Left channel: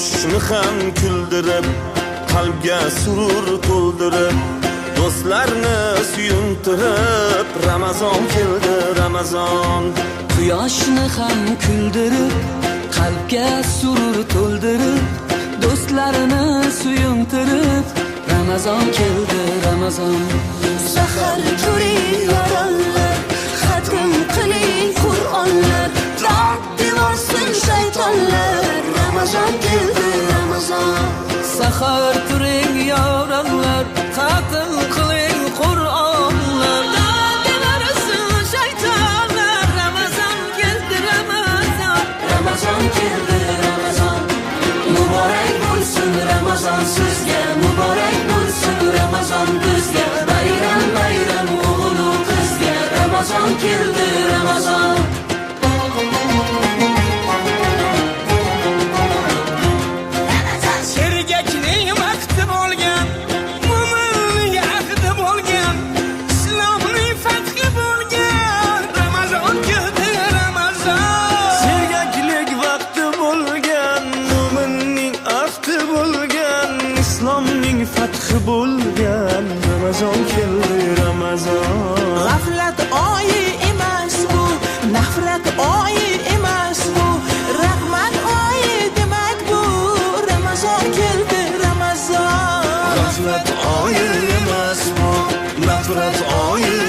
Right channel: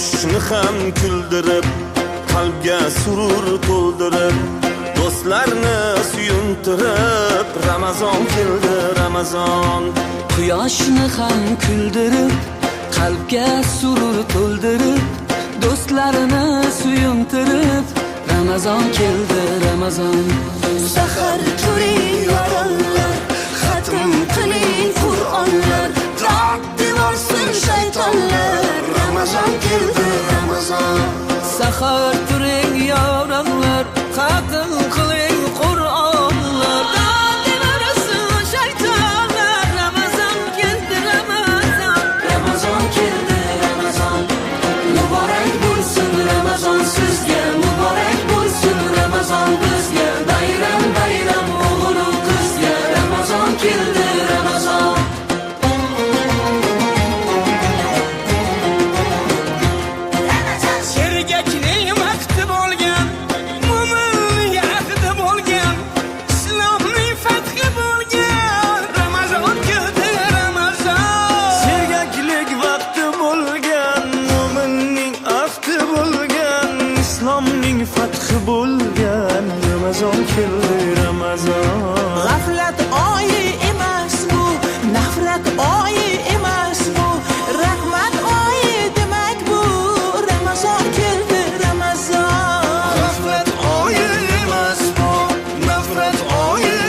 Quyoshni ham kuldirib, qalbga surur to'ldirib, do'stlarni suyuntirib, Ramazon keldi, Ramazon. Quyoshni ham kuldirib, qalbga surur to'ldirib, do'stlarini suyuntirib, Ramazon keldi, Ramazon. Sahar turing yorollar, xatm qiling Qur'onlar, dod devorsin shaytonlar. Ramazon keldi, Ramazon. Sahar turing yorollar, xatm qiling Qur'onlar, dod devorsin shaytonlar. Ramazon keldi, Ramazon. Ramazon keldi, Ramazon. Muborak bo'lsin Ramazon sizga, muborak bo'lsin Ramazon bizga. Bayram bayram o'g'il qizga, Ramazon keldi, Ramazon. Sergakning vaqti bo'lgan, mo'minning ahdi bo'lgan, islomning fathi bo'lgan, Ramazon keldi, Ramazon. Sergaklik vaqti bo'lgan, mo'minning ahdi bo'lgan, islomning fathi bo'lgan, Ramazon keldi, Ramazon. G'aflat oyi emas bu, nafrat oyi emas bu, rahmat oyi demak bu. Ramazon keldi, Ramazon. G'aflat oyi emas bu, nafrat oyi